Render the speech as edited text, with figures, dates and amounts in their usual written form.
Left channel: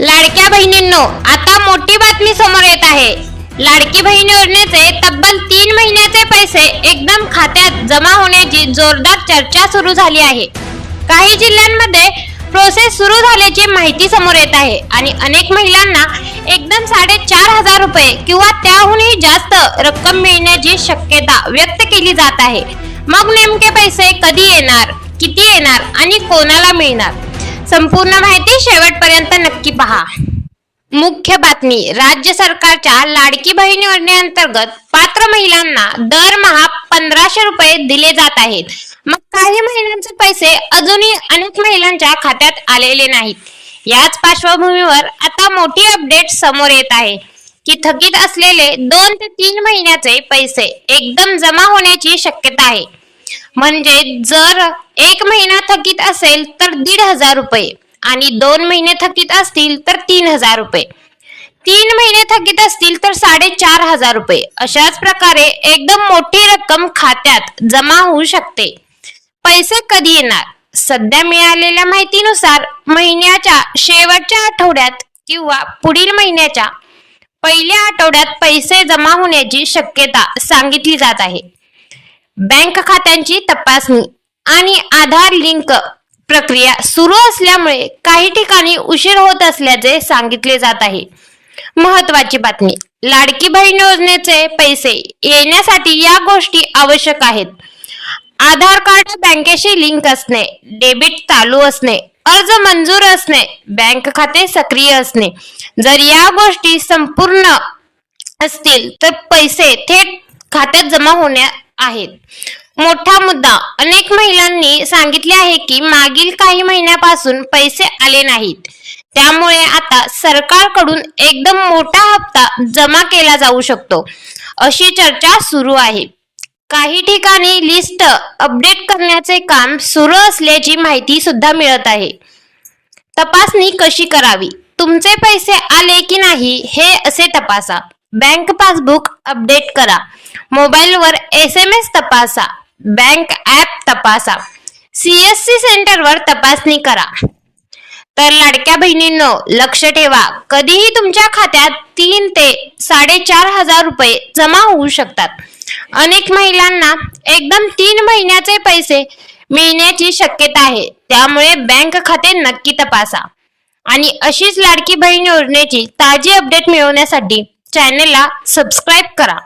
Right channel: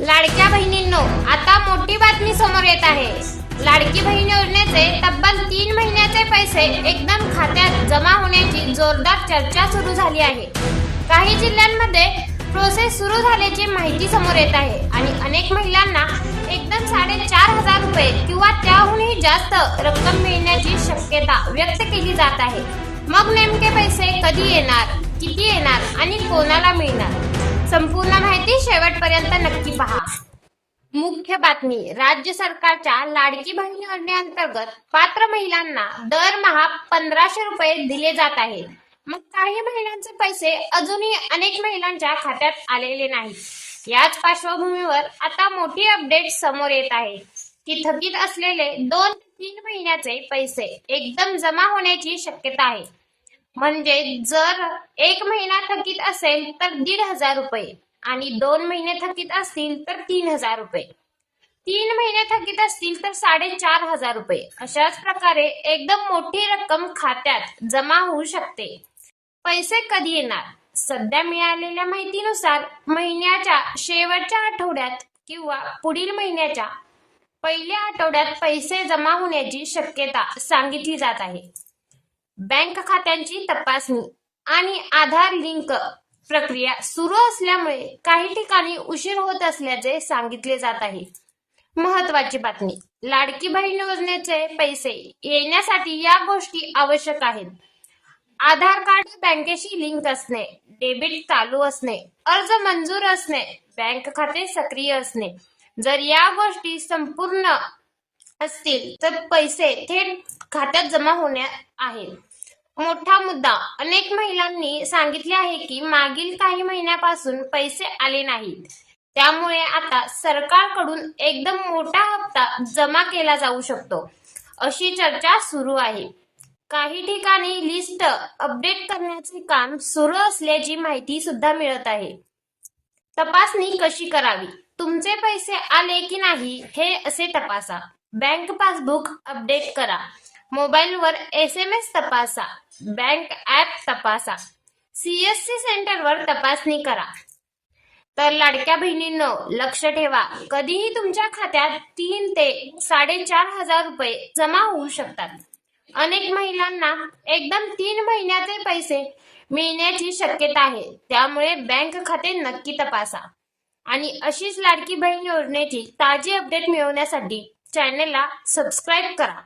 लाडक्या बहिणींनो, आता मोठी बातमी समोर येत आहे। लाडकी बहीण योजनेचे तब्बल 3 महिन्याचे पैसे एकदम खात्यात जमा होण्याची जोरदार चर्चा सुरू झाली आहे। काही जिल्ह्यांमध्ये प्रोसेस सुरू झाल्याची माहिती समोर येत आहे आणि अनेक महिलांना एकदम 4,500 रुपये किंवा त्याहूनही जास्त रक्कम मिळण्याची शक्यता व्यक्त केली जात आहे। मग नेमके पैसे कधी येणार, किती येणार आणि कोणाला मिळणार, संपूर्ण माहिती शेवटपर्यंत नक्की पहा। मुख्य बातमी, राज्य सरकारच्या लाडकी बहीण योजनेअंतर्गत पात्र महिलांना दरमहा 1,500 रुपये दिले जात आहेत। मग काही महिलांचे पैसे अजूनही अनेक महिलांच्या खात्यात आलेले नाहीत। याच पार्श्वभूमीवर आता मोठी अपडेट समोर येत आहे की थकीत असलेले 2 ते 3 महिन्याचे पैसे एकदम जमा होण्याची शक्यता आहे। म्हणजे जर 1 महिना थकीत असेल तर 1,500 रुपये आणि 2 महिने थकीत असतील तर 3,000 रुपये, 3 महिने थकीत असतील तर 4,500 रुपये, अशाच प्रकारे एकदम मोठी रक्कम खात्यात जमा होऊ शकते। पैसे कधी येणार? सध्या मिळालेल्या माहितीनुसार महिन्याच्या शेवटच्या आठवड्यात किंवा पुढील महिन्याच्या पहिल्या आठवड्यात पैसे जमा होण्याची शक्यता सांगितली जात आहे। बँक खात्यांची तपासणी आणि आधार लिंक प्रक्रिया सुरू असल्यामुळे काही ठिकाणी उशीर होत असल्याचे सांगितले जात आहे। महत्त्वाची बातमी, लाडकी बहीण योजनेचे पैसे येण्यासाठी या गोष्टी आवश्यक आहेत। आधार कार्ड बँकेशी लिंक असणे, डेबिट चालू असणे, अर्ज मंजूर असणे, बँक खाते सक्रिय असणे। जर या गोष्टी संपूर्ण असतील तर पैसे थेट खात्यात जमा होणार आहेत। मोठा मुद्दा, अनेक महिलांनी सांगितले आहे की मागील काही महिन्यापासून पैसे आले नाहीत, त्यामुळे आता सरकारकडून एकदम मोठा हप्ता जमा केला जाऊ शकतो, अशी चर्चा सुरू आहे। काही ठिकाणी लिस्ट अपडेट करण्याचे काम सुरू असल्याची माहिती सुद्धा मिळत आहे। तपासणी कशी करावी? तुमचे पैसे आले की नाही हे असे तपासा। बँक पासबुक अपडेट करा, मोबाईलवर SMS तपासा, बँक ॲप तपासा, CSC सेंटरवर तपासणी करा। तर लाडक्या बहिणींनो, लक्ष ठेवा, कधीही तुमच्या खात्यात 3 ते 4,500 रुपये जमा होऊ शकतात। अनेक महिलांना एकदम 3 महिन्याचे पैसे मिळण्याची शक्यता आहे, त्यामुळे बँक खाते नक्की तपासा। आणि अशीच लाडकी बहीण योजनेची ताजी अपडेट मिळवण्यासाठी चॅनलला सबस्क्राईब करा।